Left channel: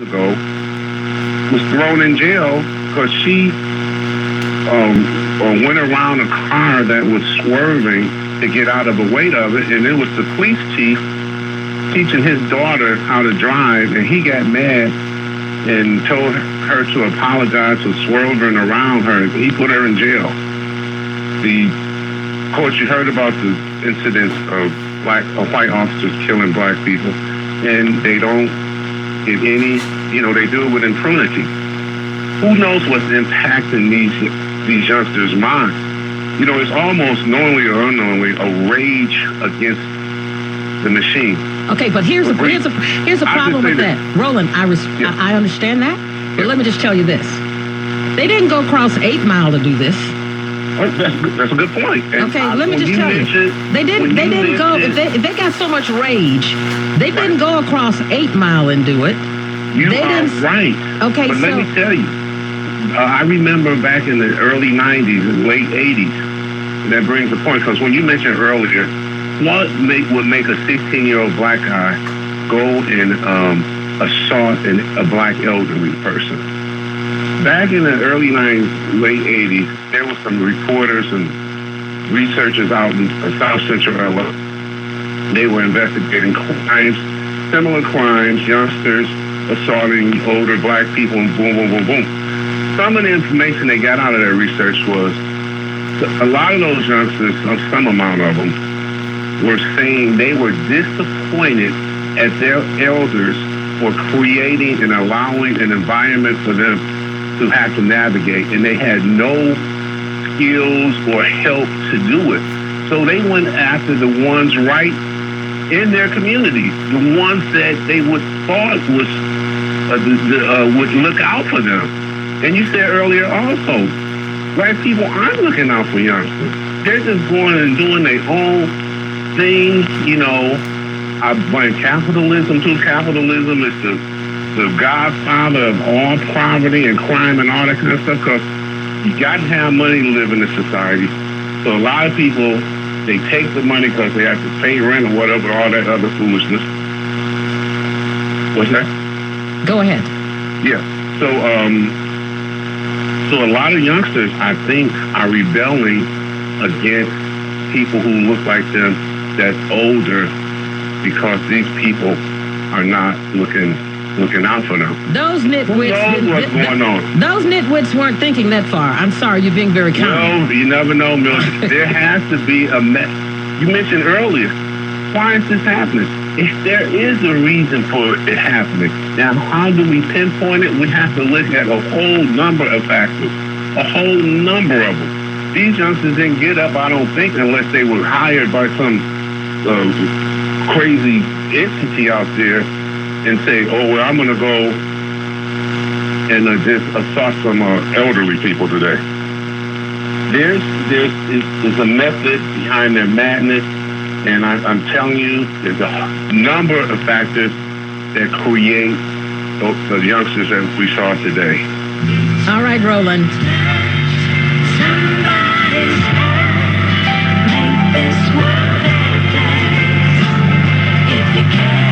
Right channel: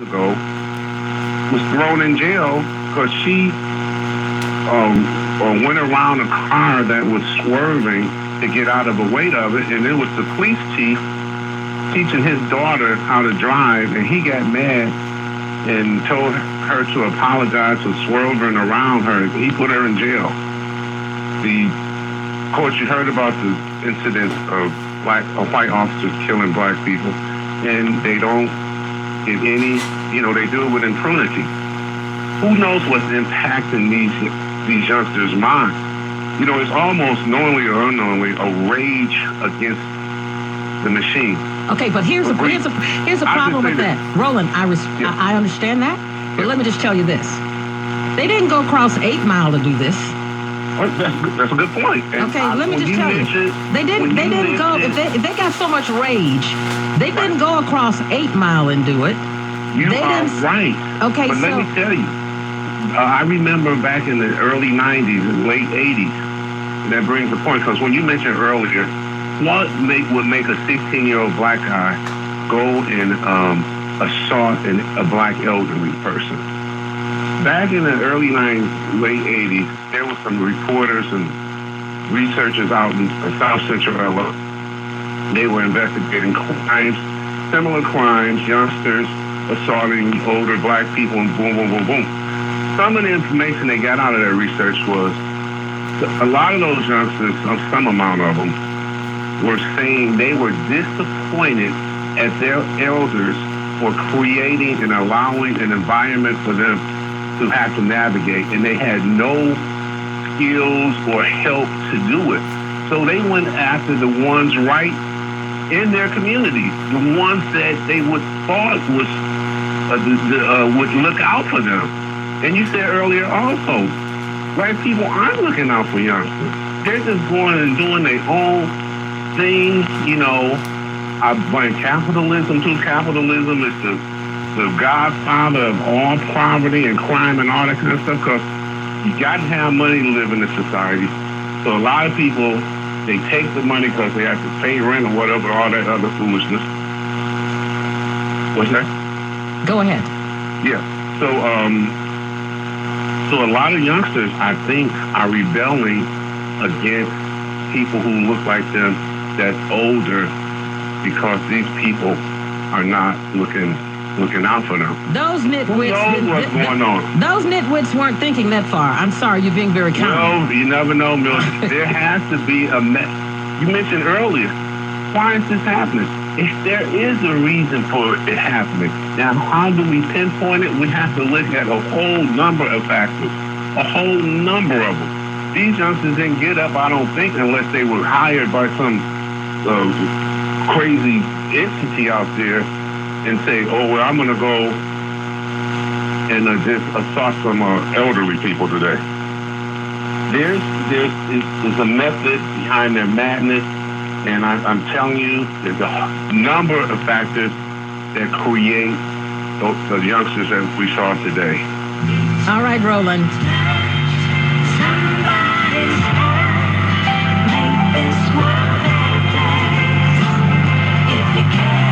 ago was thrown in jail because she went around a car that was swerving to get out of the weight of it, and it was the police chief teaching his daughter how to drive, and he got mad and told her to apologize for swerving around her. He put her in jail. Of course, you heard about the incidents of white officers killing black people, and they don't get any, they do it with impunity. Who knows what's impacting these youngsters' minds? It's almost knowingly or unknowingly a rage against the machine. Okay, but here's a problem with that. Roland, I understand that, but let me just tell you this. They didn't go across 8 Mile to do this. That's a good point. Okay, let me just tell you. They didn't go, if they got so much rage, they didn't go across 8 Mile and do it. You are right. Okay, but let me tell you, I remember back in the early 90s and late 80s, and that brings the point, because when you mentioned earlier, what would make a 16-year-old black guy go and assault a black elderly person? Back in the early 90s, late 80s, there were some reporters and researchers out in South Central LA. They were investigating crimes, similar crimes, youngsters assaulting older black people, and boom, boom, boom, boom. Some of the information they got out of that research was a lot of those youngsters, some amount of them, were saying they were disappointed at their elders for creating and allowing an environment for them to have to navigate, and they had no skills or help to do it. So they went after the ones right in their community, the ones that they would thought would look out for them. And you said earlier also, black people aren't looking out for youngsters. They're just going and doing their own thing. I blame capitalism too. Capitalism is the godfather of all poverty and crime and all that kind of stuff, because you got to have money to live in this society. So a lot of people, they take the money because they have to pay rent or whatever, all that other foolishness. What's that? Go ahead. Yeah. So a lot of youngsters, I think, are rebelling against people who look like them that's older, because these people are not looking out for them. Those nitwits. Who knows what's going on? Those nitwits weren't thinking that far. I'm sorry, you're being very kind. No, you never know, Mildred. There has to be a You mentioned earlier, why is this happening? If there is a reason for it happening, now how do we pinpoint it? We have to look at a whole number of factors, a whole number of them. These youngsters didn't get up, I don't think, unless they were hired by some crazy entity out there and say, oh, well, I'm going to go and just assault some elderly people today. There's a method behind their madness, and I'm telling you, there's a number of factors that create the youngsters that we saw today. All right, Roland. If you can.